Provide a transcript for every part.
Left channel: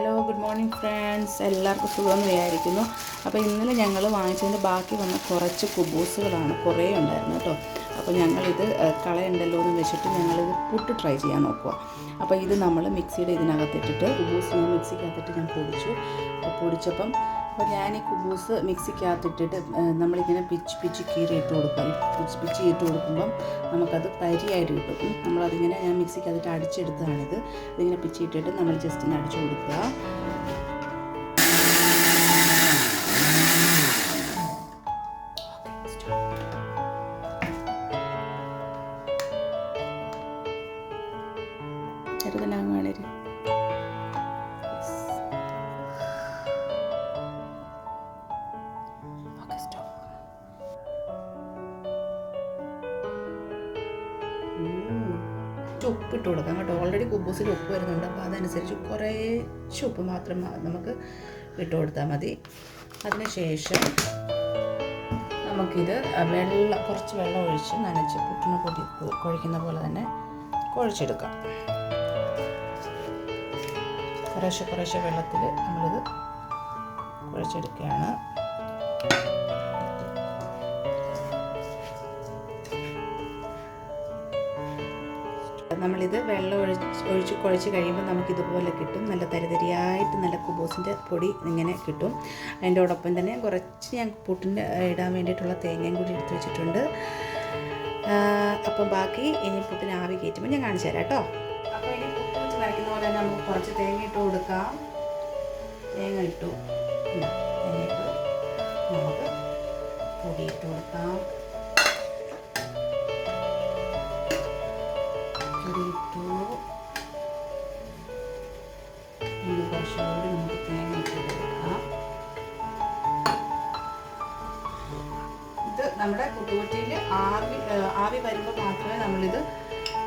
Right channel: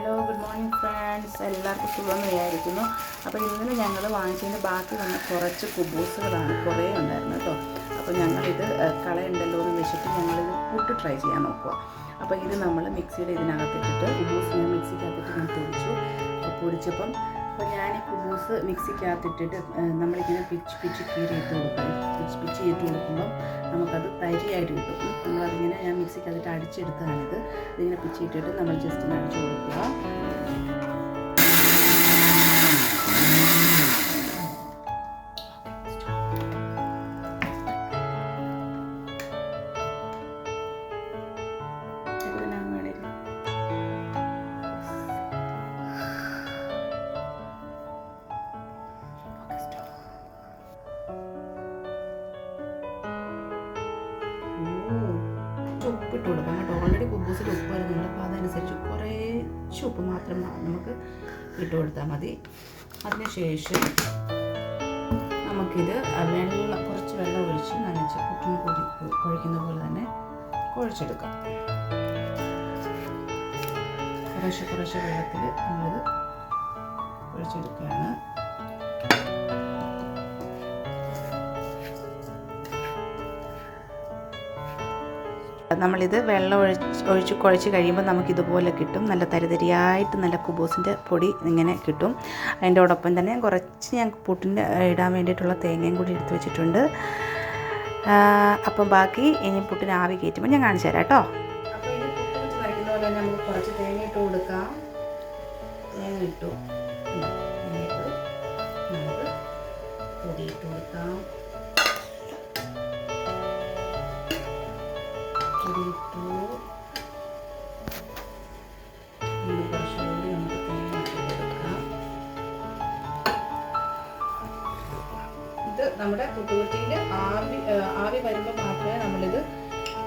Hello, good morning friends. എല്ലാവർക്കും സുഖമെന്ന് വിചാരിക്കുന്നു. അപ്പോൾ ഇന്നലെ ഞങ്ങൾ വാങ്ങിച്ചതിൻ്റെ ബാക്കി വന്ന കുറച്ച് കുബൂസുകളാണ്, കുറേ ഉണ്ടായിരുന്നു കേട്ടോ. അപ്പോൾ ഞങ്ങളിത് കളയുണ്ടല്ലോ എന്ന് വെച്ചിട്ട് ഞങ്ങളിത് പുട്ട് ട്രൈ ചെയ്യാൻ നോക്കുക. അപ്പോൾ ഇത് നമ്മൾ മിക്സിയുടെ ഇതിനകത്തിട്ടിട്ട് കുബൂസ് ഞാൻ മിക്സിക്കകത്തിട്ട് ഞാൻ പൊടിച്ചു. അപ്പോൾ പൊടിച്ചപ്പം ഞാൻ ഈ കുബൂസ് മിക്സിക്കകത്തിട്ടിട്ട് നമ്മളിങ്ങനെ പിച്ച് കീറിയിട്ട് കൊടുക്കുക. പിച്ച് ഇട്ട് കൊടുക്കുമ്പം നമുക്കത് തരിയായിട്ട് കിട്ടും. നമ്മളതിങ്ങനെ ഞാൻ മിക്സിക്കകത്തിട്ട് അടിച്ചെടുത്തതാണിത്. ഇതിങ്ങനെ പിച്ചിട്ടിട്ട് നമ്മൾ ജസ്റ്റ് ഒന്ന് അടിച്ചു കൊടുക്കുക. ഉപ്പിട്ട് കൊടുക്കാം കേട്ടോ. ഓൾറെഡി കുബൂസിൽ ഉപ്പ് വരുന്നുണ്ട്, അപ്പോൾ അതനുസരിച്ച് കുറേശ്ശെ ഉപ്പ് മാത്രം നമുക്ക് ഇട്ട് കൊടുത്താൽ മതി. അതിനുശേഷം നമുക്കിത് കുറച്ച് വെള്ളം ഒഴിച്ച് നനച്ച് പുട്ടിന് കുഴയ്ക്കുന്ന പോലെ തന്നെ കുഴച്ചെടുക്കാം. കുറേശ്ശെ വെള്ളത്തിൽ നമ്മളിത് കുഴച്ചെടുക്കുകയാണ്. നമ്മളിത് വെള്ളം ഒഴിച്ച് കുഴച്ച് കഴിയുമ്പോൾ നമുക്കിതുപോലെ കിട്ടും. നല്ല തരിതരിയായിട്ട് നല്ല കുബൂസിൻ്റെ പൊടി ഇങ്ങനെ കിട്ടും. അതിൻ്റെയോടൊപ്പം തന്നെ കുറച്ച് ഞാൻ പുട്ടിൻ്റെ ഇടാൻ വേണ്ടിയിട്ടുള്ള തേങ്ങയും കൂടി എടുത്ത് വെച്ചിട്ടുണ്ട്. അപ്പം ബാക്കി ഇനി പുട്ടിന് ആവി കയറ്റുമ്പോൾ ഞാൻ കാണിച്ചു തരാം കേട്ടോ. അപ്പോൾ ഇനി പുട്ട് വെച്ച് നനയ്ക്കുന്ന പോലെ തന്നെ നമുക്ക് കുറച്ച് തേങ്ങ ഇട്ട് കൊടുക്കാം. തേങ്ങ ഇട്ടു, നമുക്ക് പൊടി ഇട്ട് കൊടുക്കാം. ഇട്ടു കുറച്ചുകൂടി നമുക്ക് തേങ്ങ ഇട്ട് കൊടുക്കാം. ഇത് നമ്മുടെ പുട്ടുകുറ്റിയിൽ ആവി വരുമ്പോൾ മാത്രമേ നമ്മളിത്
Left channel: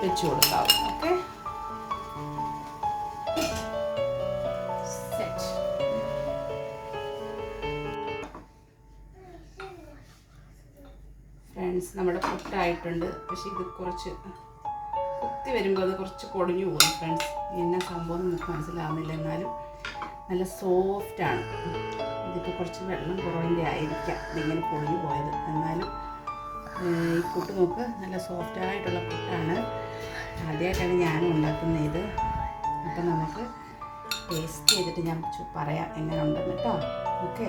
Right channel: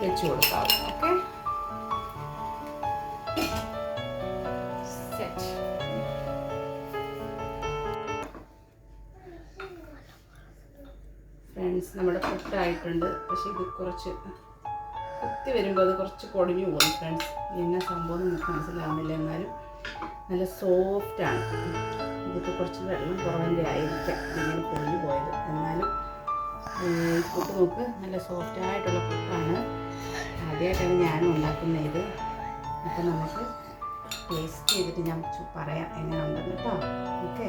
വെച്ച് കൊടുക്കാവൂ. ഓക്കെ, ഫ്രണ്ട്സ്, നമ്മുടെ പുട്ടായിട്ടുണ്ട്. പക്ഷേ ഇത് കുറച്ച് കുത്തി വരുമ്പോൾ അത് കുറച്ച് പൊടിഞ്ഞു പോകും ഫ്രണ്ട്സ്. എന്നാ സംഭവം നമുക്ക് മനസ്സിലാവുന്നില്ല. എന്നാലും നല്ല സോഫ്റ്റാണ്. ഇതിപ്പോൾ കുറച്ച് വെള്ളം കുറവിൻ്റെ ആയിരിക്കാം ഇതിങ്ങനെ പൊടിഞ്ഞു പോയത്. എന്നാലും ഈ പുട്ട് നോക്ക്, നല്ല സോഫ്റ്റായിട്ടുള്ള പുട്ടാണ്. ആദ്യമായിട്ടാണ് ഞാനും ഉണ്ടാക്കുന്നത് ഇത്. അപ്പോൾ നമുക്ക് ടേസ്റ്റ് ചെയ്തിട്ട് ഞാൻ പറയാം എങ്ങനെ ഉണ്ടെന്ന് കേട്ടോ. ഓക്കെ.